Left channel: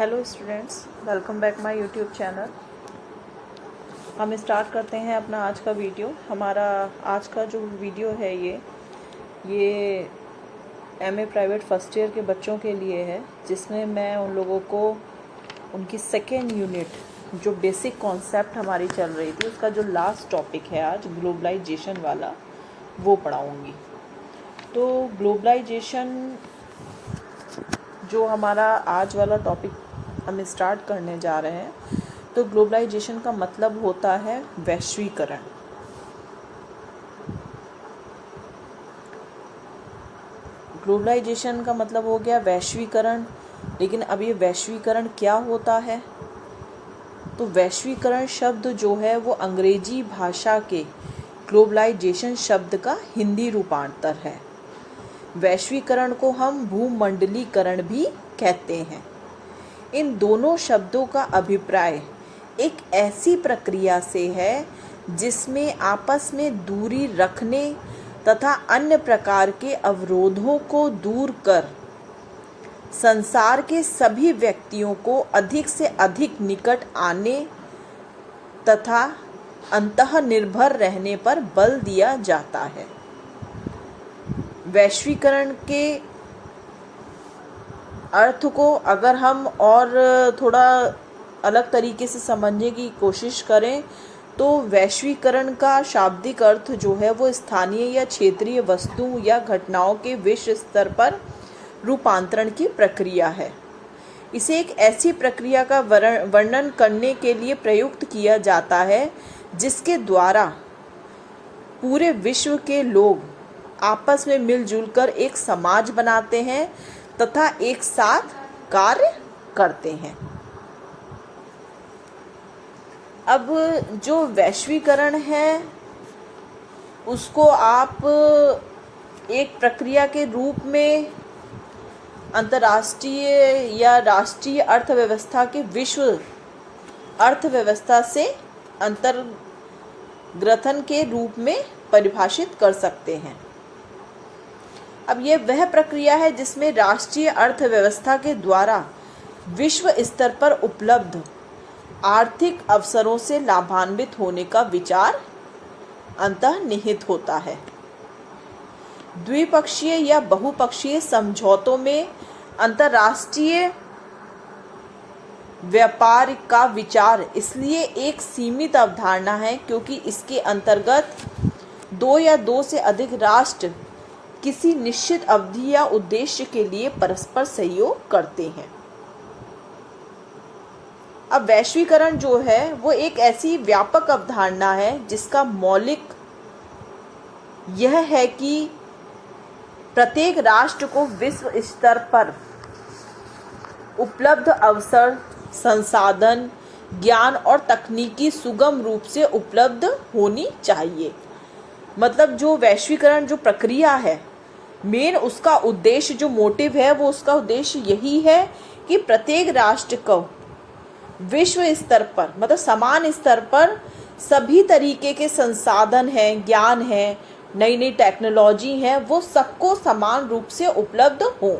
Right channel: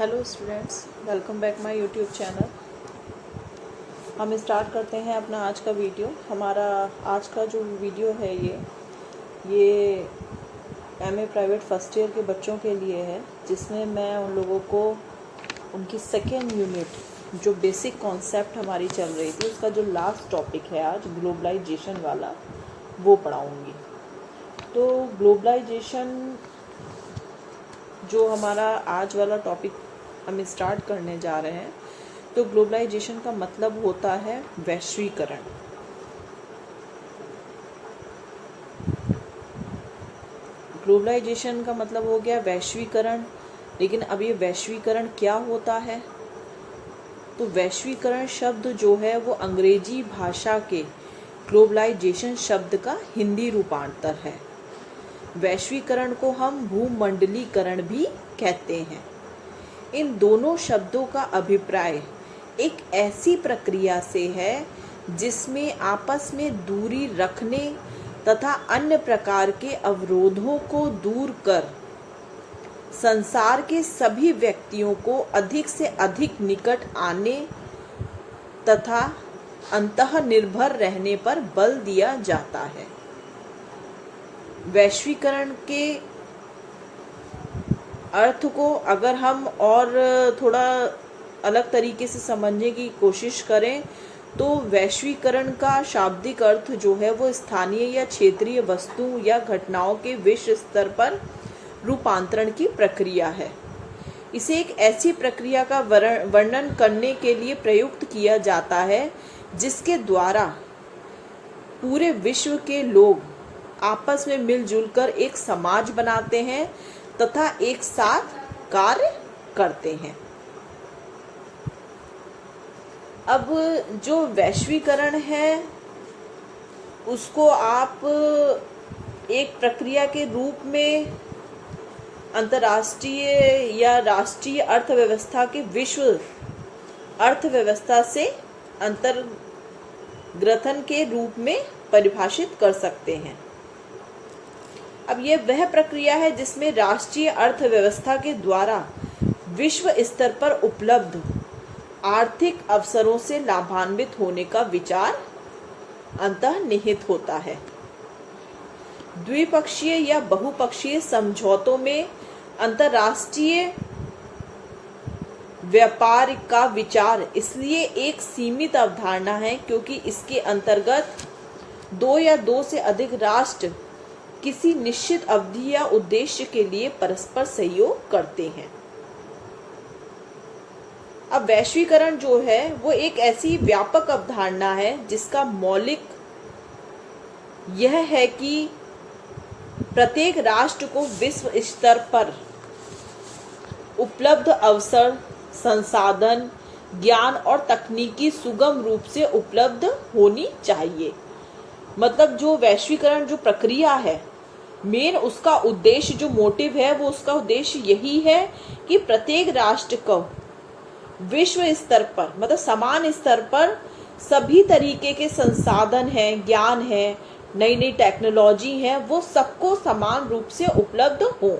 Hello students, welcome back my YouTube channel. हम start करते हैं अपना आज का वीडियो। हमारा आज का जो वीडियो है ये एमए प्राइवेट फर्स्ट ईयर के बच्चों के लिए है, जिसमें मैं उन लोगों को उनकी सेकेंड यूनिट जो बेसिक कॉन्सेप्ट हमारी चल रही थी उसका जो लास्ट टॉपिक है आज ग्लोबलाइजेशन वाला वो पढ़ाऊँगी। तो ग्लोबलाइजेशन जो हमारा आज वाला टॉपिक हम स्टार्ट करने जा रहे हैं, तो ग्लोबलाइजेशन का मतलब होता है वैश्वीकरण। ग्लोबलाइजेशन का मतलब हो गया वैश्वीकरण। लेकिन अब ये वैश्वीकरण क्या होता है? तो वैश्वीकरण शब्द जो है वो अंग्रेजी भाषा के ग्लोबलाइजेशन शब्द का हिंदी रूपांतर है। वैश्वीकरण को हम भूमंडलीकरण भी कहते हैं। इन दोनों शब्दों का अभिप्राय एक ऐसी प्रक्रिया से है जिसमें आपस में दूरी रखने तथा अन्य प्रकार के अवरोधों को दूर कर संसार के सभी व्यक्तियों को अधिक से अधिक निकट आने तथा अंतःनिर्भर रहने पर बल दिया जाता है। वैश्वीकरण के अर्थ को अगर हम और थोड़ा अलग तरीके से समझने की कोशिश करें तो वैश्वीकरण का शाब्दिक अर्थ जो है वो स्थानीय या क्षेत्रीय वस्तुओं या घटनाओं के विश्व स्तर पर रूपांतरण की प्रक्रिया है। इसे एक ऐसी प्रक्रिया का वर्णन करने के लिए प्रयुक्त किया जाता है जिसके द्वारा पूरे विश्व के लोग आपस में मिलजुल कर एक समाज बनाते हैं तथा एक साथ कार्य करते हैं। अब जो वैश्वीकरण है उसको आप एक प्रक्रिया के रूप में अंतर्राष्ट्रीय या राष्ट्रीय अर्थव्यवस्था के विश्व अर्थव्यवस्था से अंतर्ग्रथन के रूप में परिभाषित कर सकते हैं। अब यह वह प्रक्रिया है जिसमें राष्ट्रीय अर्थव्यवस्था के द्वारा विश्व स्तर पर उपलब्ध आर्थिक अवसरों से लाभान्वित होने का विचार अंतर्निहित होता है। द्विपक्षीय या बहुपक्षीय समझौतों में अंतर्राष्ट्रीय व्यापार का विचार इसलिए एक सीमित अवधारणा है क्योंकि इसके अंतर्गत दो या दो से अधिक राष्ट्र किसी निश्चित अवधि या उद्देश्य के लिए परस्पर सहयोग करते हैं। अब वैश्वीकरण जो है वो एक ऐसी व्यापक अवधारणा है जिसका मौलिक यह है कि प्रत्येक राष्ट्र को विश्व स्तर पर उपलब्ध अवसर, संसाधन, ज्ञान और तकनीकी सुगम रूप से उपलब्ध होनी चाहिए। मतलब जो वैश्वीकरण जो प्रक्रिया है मेन उसका उद्देश्य जो मोटिव है वो उसका उद्देश्य यही है कि प्रत्येक राष्ट्र को विश्व स्तर पर मतलब समान स्तर पर सभी तरीके के संसाधन हैं, ज्ञान है, नई नई टेक्नोलॉजी है, वो सबको समान रूप से उपलब्ध हो।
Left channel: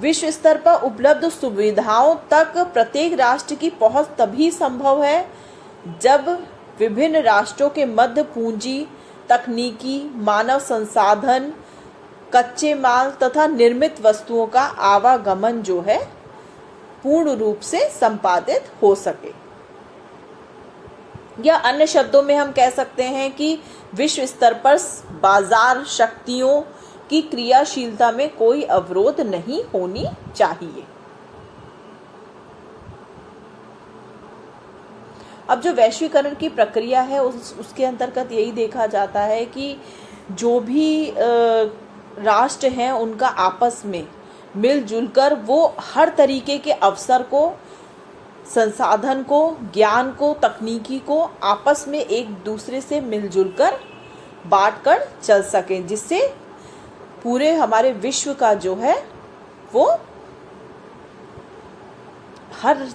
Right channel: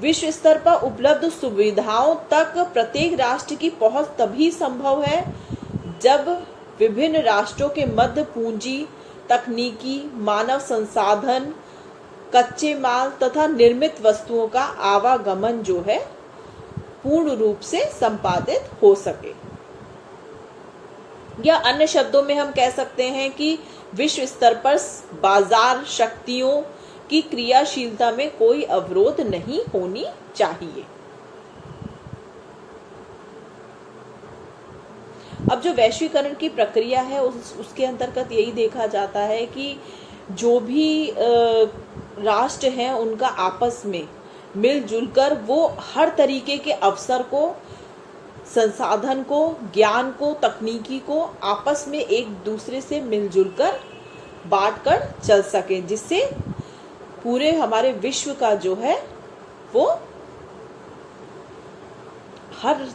विश्व स्तर पर उपलब्ध सुविधाओं तक प्रत्येक राष्ट्र की पहुंच तभी संभव है जब विभिन्न राष्ट्रों के मध्य पूंजी, तकनीकी, मानव संसाधन, कच्चे माल तथा निर्मित वस्तुओं का आवागमन जो है पूर्ण रूप से संपादित हो सके। या अन्य शब्दों में हम कह सकते हैं कि विश्व स्तर पर बाजार शक्तियों की क्रियाशीलता में कोई अवरोध नहीं होनी चाहिए। अब जो वैश्वीकरण की प्रक्रिया है उसके अंतर्गत यही देखा जाता है कि जो भी राष्ट्र हैं उनका आपस में मिलजुल कर वो हर तरीके के अवसर को, संसाधन को, ज्ञान को, तकनीकी को आपस में एक दूसरे से मिलजुल कर बांट कर चल सके, जिससे पूरे हमारे विश्व का जो है वो हर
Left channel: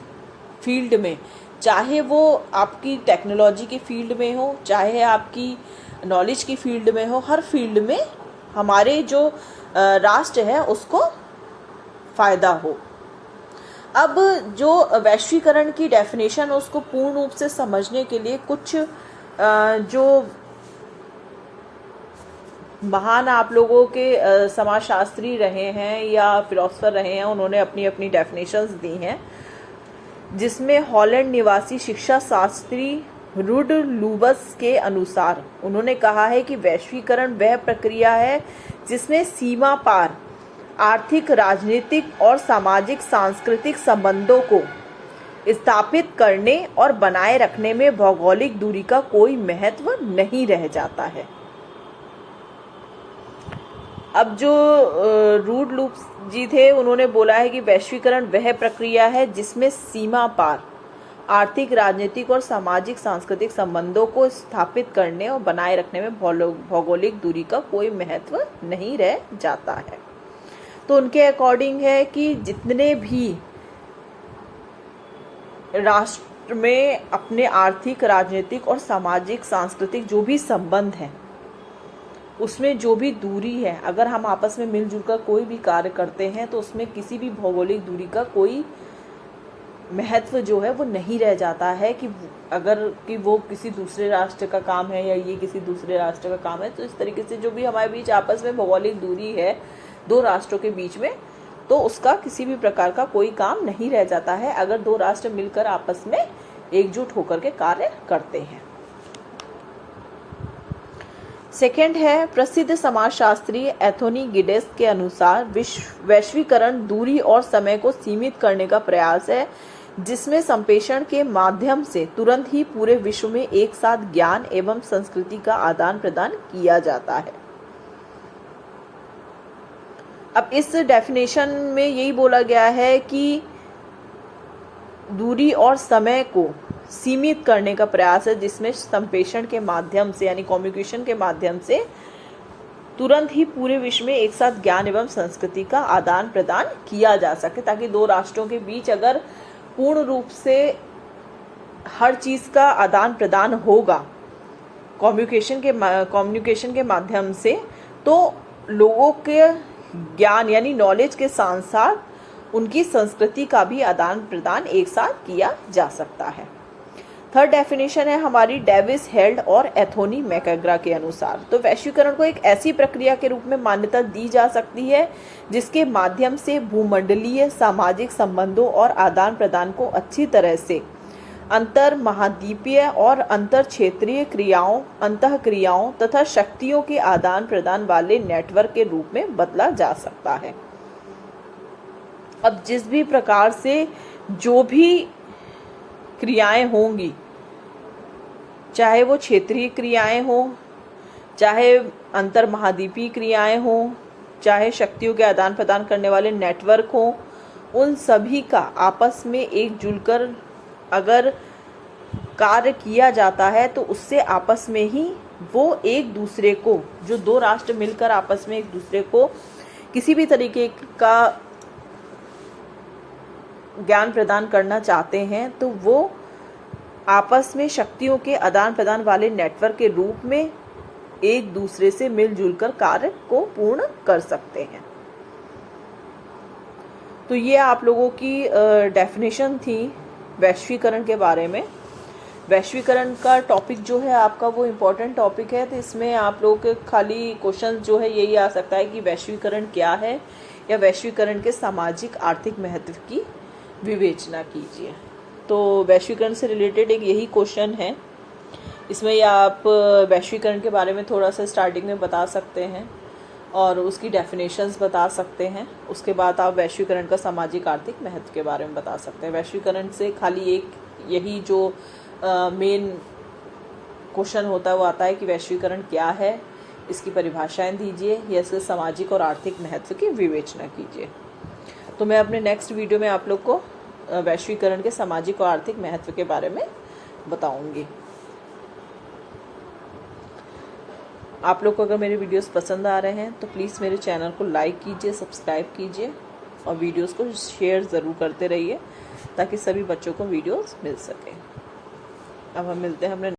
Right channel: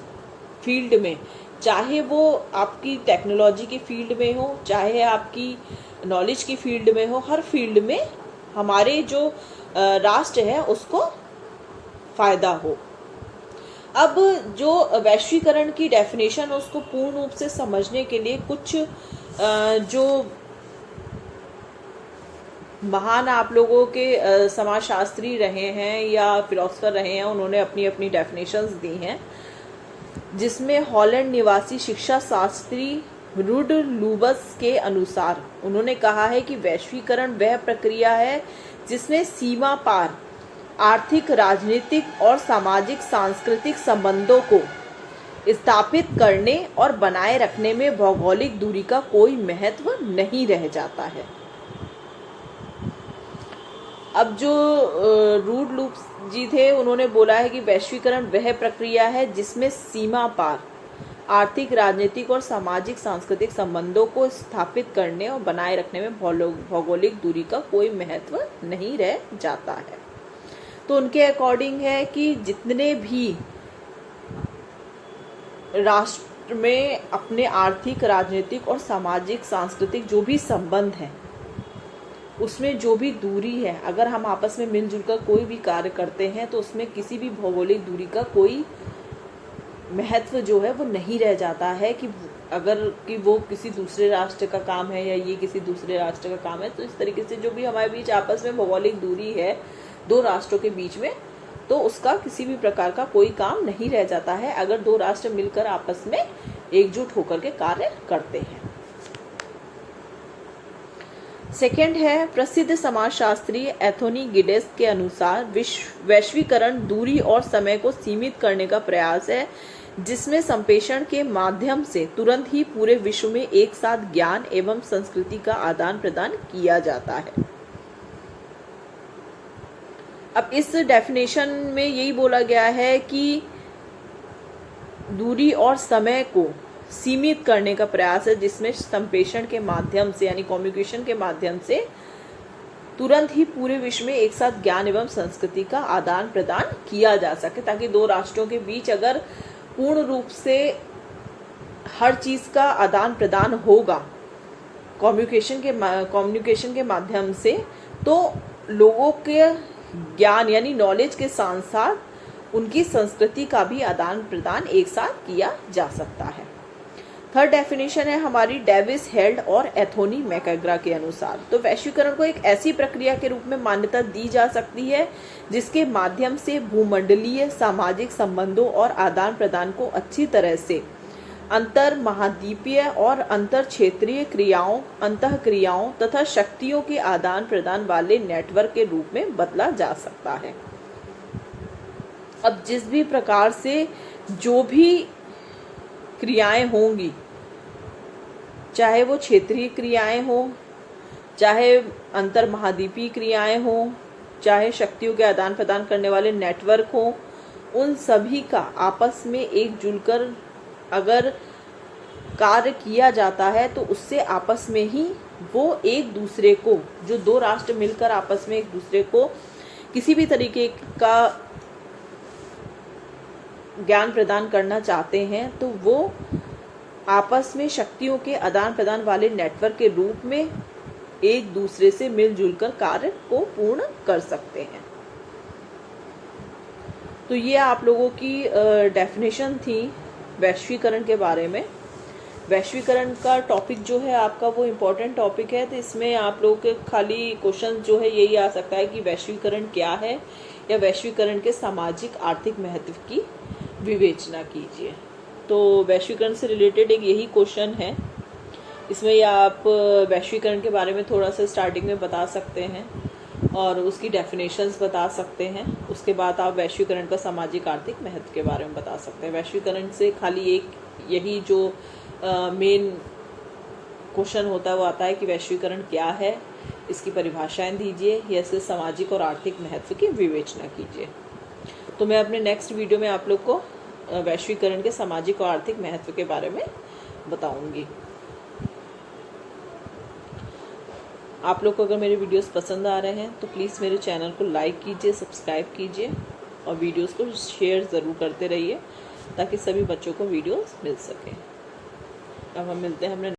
फील्ड में, चाहे वो आपकी टेक्नोलॉजी की फील्ड में हो, चाहे आपकी नॉलेज की फील्ड में हो, हर फील्ड में हमारे जो राष्ट्र है उसको फायदा हो। अब जो वैश्वीकरण की डेफिनेशन है उसको पूर्ण रूप से समझने के लिए कुछ जो महान आप लोगों के समाजशास्त्री रहे हैं या फिलोसफर रहे हैं, उन्होंने अपनी अपनी डेफिनेशंस दी हैं, जिसमें हॉलैंड निवासी शिक्षा शास्त्री रुड लूबस के अनुसार उन्होंने कहा है कि वैश्वीकरण वह प्रक्रिया है जिसमें सीमा पार आर्थिक, राजनीतिक और सामाजिक सांस्कृतिक संबंधों को स्थापित करने और बनाए रखने में भौगोलिक दूरी का कोई महत्व नहीं रह जाता है। अब जो रूड लूप जी थे उन्होंने बोला है कि वैश्वीकरण वह प्रक्रिया है जिसमें सीमा पार आर्थिक, राजनीतिक और सामाजिक सांस्कृतिक संबंधों को स्थापित करने और बनाए रखने में भौगोलिक दूरी का कोई महत्व नहीं रह जाता है। तो उनके अकॉर्डिंग है कि जितने भी राष्ट्र में अपने आर्थिक, राजनीतिक और सामाजिक सांस्कृतिक जो भी संबंध हैं, उसमें जो भी दूरी है, अगर हम आपस में मिलजुल कर कोई भी कार्य करते हैं तो उसमें किसी भी भौगोलिक दूरी का कोई महत्व जो है वो नहीं रह जाता है कि अगर कि वो किसी दूसरे राष्ट्र का काम है या ये किसी दूसरे राष्ट्र का काम है। तो इस तरीके से जो भी हमारे बीच आपस में भौगोलिक दूरी है दो राष्ट्रों के बीच में, तो उसका किसी भी प्रकार का कोई काम नहीं रह जाता है अगर दो राष्ट्र मिलकर आपस में एकजुट होकर के कार्य करते हैं। सेकंड है, प्रसिद्ध समाजशास्त्री एंथोनी गिडेस के अनुसार वैश्वीकरण दूरी और समय को सीमित करने का प्रयास है जिसमें संप्रेषण के माध्यम से तुरंत ही पूरे विश्व में एक साथ ज्ञान एवं संस्कृति का आदान प्रदान किया जाता है। अब इस डेफिनेशन में यही बोला गया है कि दूरी और समय को सीमित करने का प्रयास है जिसमें संप्रेषण के माध्यम से यानी कम्युनिकेशन के माध्यम से तुरंत ही पूरे विश्व में एक साथ ज्ञान एवं संस्कृति का आदान प्रदान किया जा सके, ताकि दो राष्ट्रों के बीच अगर पूर्ण रूप से हर चीज का आदान प्रदान होगा कम्युनिकेशन के माध्यम से, तो लोगों के ज्ञान यानी नॉलेज के साथ साथ उनकी संस्कृति का भी आदान प्रदान एक साथ किया जा सकता है। थर्ड डेफिनेशन है हमारी डेविस, हेल्ड और एंथोनी मैकग्रा के अनुसार। तो वैश्वीकरण को एक ऐसी प्रक्रिया के रूप में मान्यता दी जा सकती है जिसके माध्यम से भूमंडलीय सामाजिक संबंधों और आदान प्रदान को अच्छी तरह से अंतर महाद्वीपीय और अंतर क्षेत्रीय क्रियाओं, अंतः क्रियाओं तथा शक्तियों के आदान प्रदान वाले नेटवर्क के रूप में बदला जा सकता है। अब जिस भी प्रकार से जो भी क्रियाएं होंगी, चाहे वो क्षेत्रीय क्रियाएं हो, चाहे अंतर महाद्वीपीय क्रियाएं हो, चाहे शक्तियों के आदान प्रदान करने वाले नेटवर्क हो, उन सभी का आपस में एकजुट कर अगर कार्य किया जाता है तो उससे आपस में ही वो एक दूसरे को, जो दो राष्ट्र मिलकर आपस में एक दूसरे को किसी भी तरीके का ज्ञान प्रदान करना चाहते हैं तो वो आपस में शक्तियों के आदान प्रदान वाले नेटवर्क के रूप में एक दूसरे से मिलजुल कर कार्य को पूर्ण कर सकते हैं। तो ये आप लोगों की डेफिनेशन थी वैश्वीकरण के बारे में। वैश्वीकरण का टॉपिक जो है आपका वो इम्पोर्टेंट टॉपिक है, तो इसमें आप लोगों के खाली क्वेश्चन जो है यही आ सकता है कि वैश्वीकरण क्या है या वैश्वीकरण के सामाजिक आर्थिक महत्व की विवेचना कीजिए। तो वैश्वीकरण से रिलेटेड एक यही क्वेश्चन है। इसमें या आप वैश्वीकरण के बारे में थोड़ा सा स्टार्टिंग में बता सकते हैं और उसकी डेफिनेशंस बता सकते हैं। उसके बाद आप वैश्वीकरण का सामाजिक आर्थिक महत्व के बारे में बता सकते हैं। वैश्वीकरण से खाली एक यही जो मेन क्वेश्चन होता है वो आता है कि वैश्वीकरण क्या है, इसकी परिभाषाएं दीजिए या इसके सामाजिक और आर्थिक महत्व की विवेचना कीजिए। तो मैं अपने नेक्स्ट वीडियो में आप लोग को वैश्वीकरण के सामाजिक और आर्थिक महत्व के बारे में बताऊंगी। आप लोग को अगर मेरे वीडियोस पसंद आ रहे हैं तो प्लीज़ मेरे चैनल को लाइक कीजिए, सब्सक्राइब कीजिए और वीडियोस को शेयर ज़रूर करते रहिए ताकि सभी बच्चों को वीडियोस मिल सके। अब हम मिलते हैं हमने